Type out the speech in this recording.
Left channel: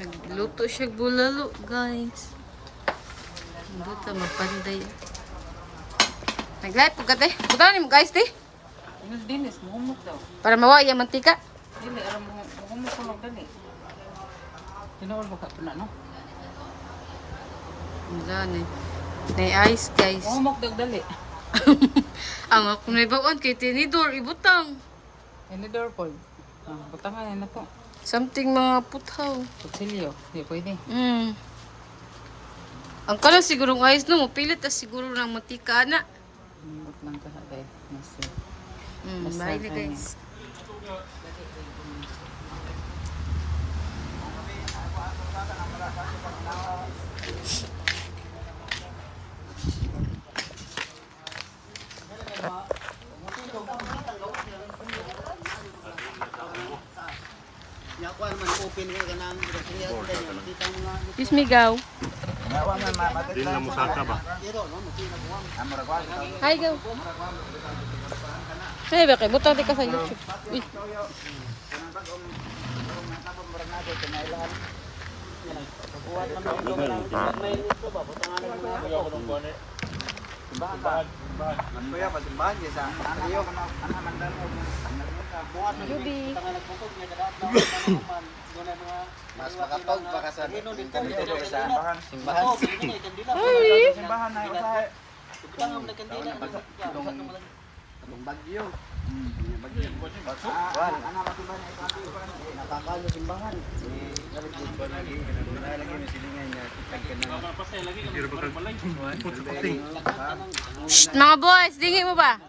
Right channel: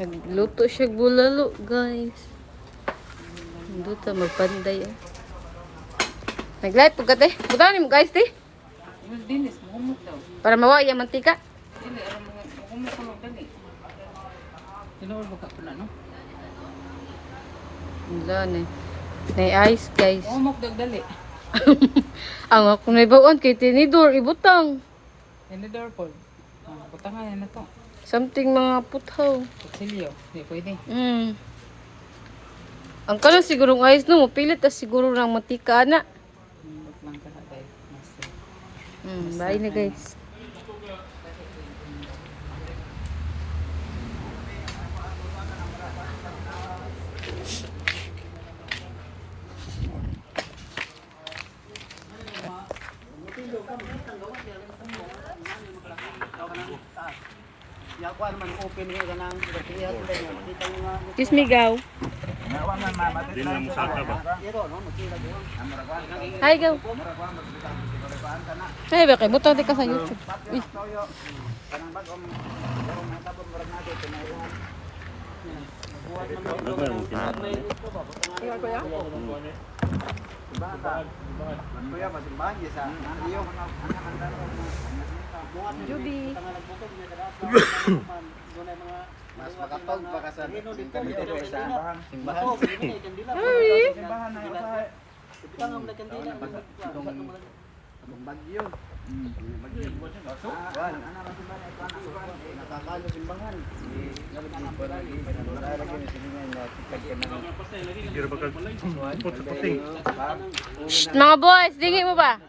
Nagluto siya bulalo, guys. Nagluto, magpanday. Nag-live po ka, te. Buta mo, guys, te. Dinis, mahumok daw. Para mawaya mantika. Dili, aram mahumok ko lang gani. Tinawal ba ka na, no? Wala, na ice, guys. Mahumok daw dali. Ang ako na ibawaan kay tinidor, ibutang. Hindi daw po. Butangan yan na to. Something mga puthaw. Kutsilyo, hindi pwede. Ang kanan sigurong ice no, mapilit as siguro ng mantika na. Mahumok lang ka na tayo. Bye na, guys. Excuse me, Gaw. Hi, Gaw. Kaya ba kayo? Butang di ka sa YouTube. Jubi. Mas makatog baka sa kandila sa simbahan. Sorry. Simbahan na usahay. Butang ang kandila ang bagyo. Nakakalo simbahan. Nalagit pa lagi. Nalagit ni silingan niya. Mga boys, dingi mo ba?